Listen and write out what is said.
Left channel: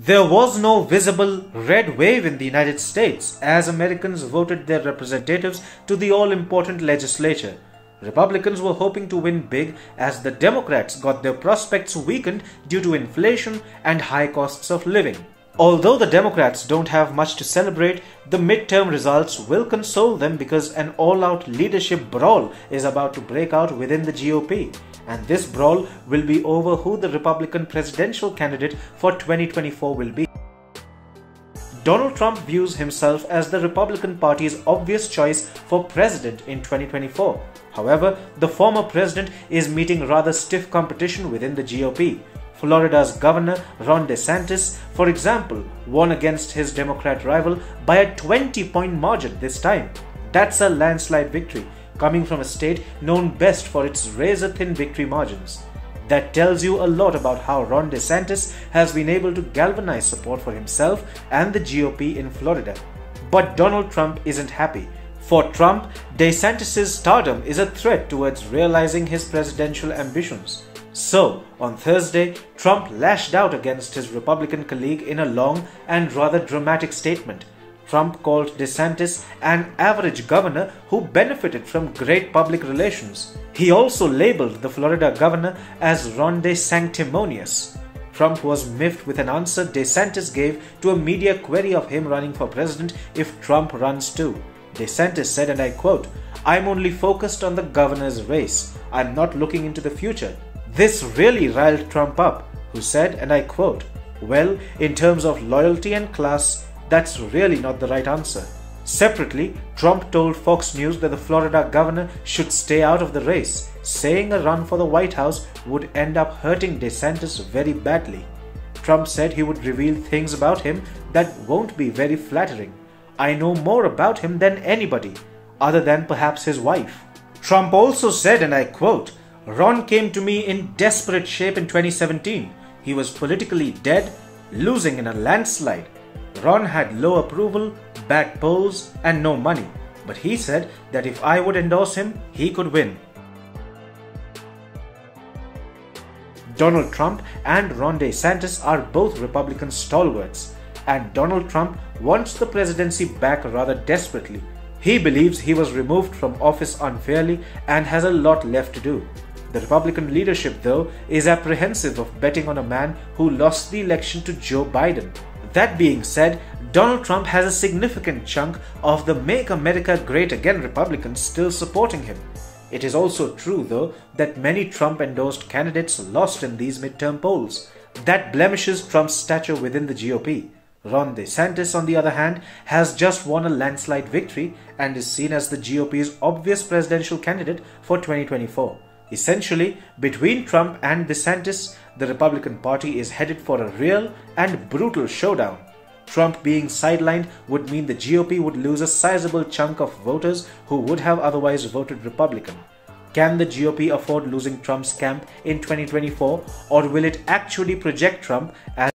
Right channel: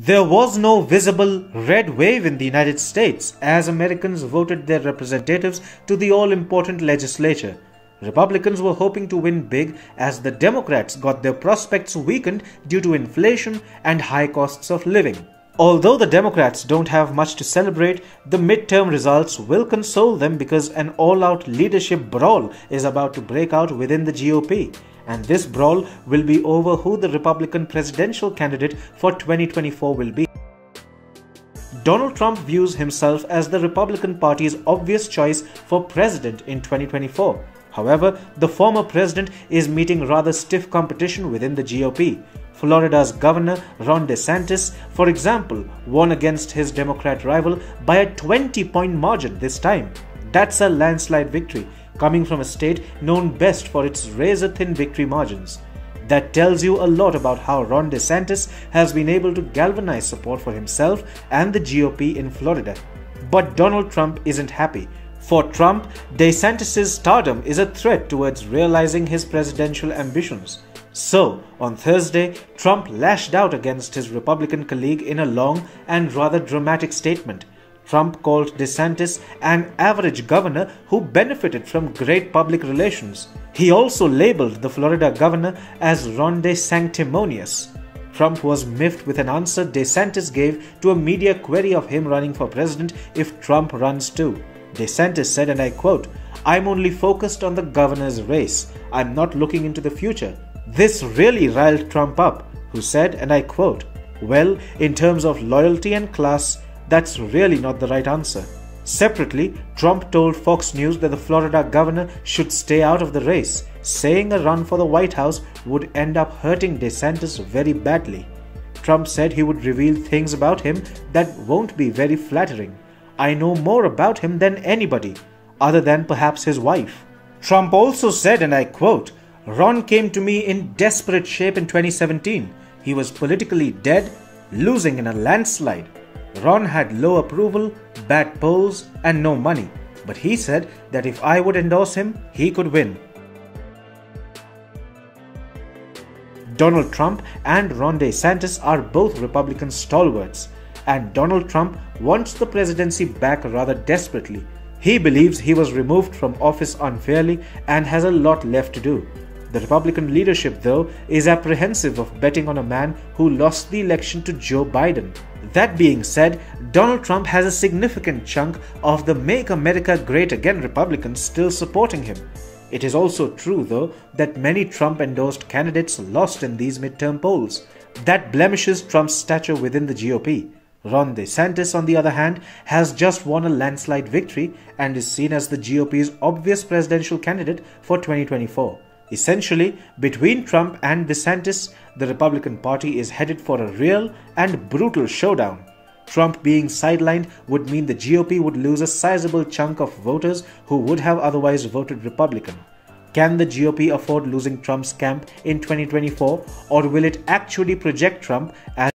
There was no visible red wave in the United States as Americans voted their representatives to the all-important legislature. Republicans were hoping to win big as the Democrats got their prospects weakened due to inflation and high costs of living. Although the Democrats don't have much to celebrate, the midterm results will console them because an all-out leadership brawl is about to break out within the GOP. And this brawl will be over who the Republican presidential candidate for 2024 will be. Donald Trump views himself as the Republican Party's obvious choice for president in 2024. However, the former president is meeting rather stiff competition within the GOP. Florida's Governor Ron DeSantis, for example, won against his Democrat rival by a 20-point margin this time. That's a landslide victory, coming from a state known best for its razor-thin victory margins. That tells you a lot about how Ron DeSantis has been able to galvanize support for himself and the GOP in Florida. But Donald Trump isn't happy. For Trump, DeSantis' stardom is a threat towards realizing his presidential ambitions. So, on Thursday, Trump lashed out against his Republican colleague in a long and rather dramatic statement. Trump called DeSantis an average governor who benefited from great public relations. He also labeled the Florida governor as Ronde Sanctimonious. Trump was miffed with an answer DeSantis gave to a media query of him running for president if Trump runs too. DeSantis said, and I quote, "I'm only focused on the governor's race. I'm not looking into the future." This really riled Trump up, who said, and I quote, "Well, in terms of loyalty and class, that's really not the right answer." Separately, Trump told Fox News that the Florida governor should stay out of the race, saying a run for the White House would end up hurting DeSantis very badly. Trump said he would reveal things about him that won't be very flattering. "I know more about him than anybody, other than perhaps his wife." Trump also said, and I quote, "Ron came to me in desperate shape in 2017. He was politically dead, losing in a landslide. Ron had low approval, bad polls, and no money. But he said that if I would endorse him, he could win." Donald Trump and Ron DeSantis are both Republican stalwarts, and Donald Trump wants the presidency back rather desperately. He believes he was removed from office unfairly and has a lot left to do. The Republican leadership, though, is apprehensive of betting on a man who lost the election to Joe Biden. That being said, Donald Trump has a significant chunk of the Make America Great Again Republicans still supporting him. It is also true, though, that many Trump-endorsed candidates lost in these midterm polls. That blemishes Trump's stature within the GOP. Ron DeSantis, on the other hand, has just won a landslide victory and is seen as the GOP's obvious presidential candidate for 2024. Essentially, between Trump and DeSantis, the Republican Party is headed for a real and brutal showdown. Trump being sidelined would mean the GOP would lose a sizable chunk of voters who would have otherwise voted Republican. Can the GOP afford losing Trump's camp in 2024, or will it actually project Trump as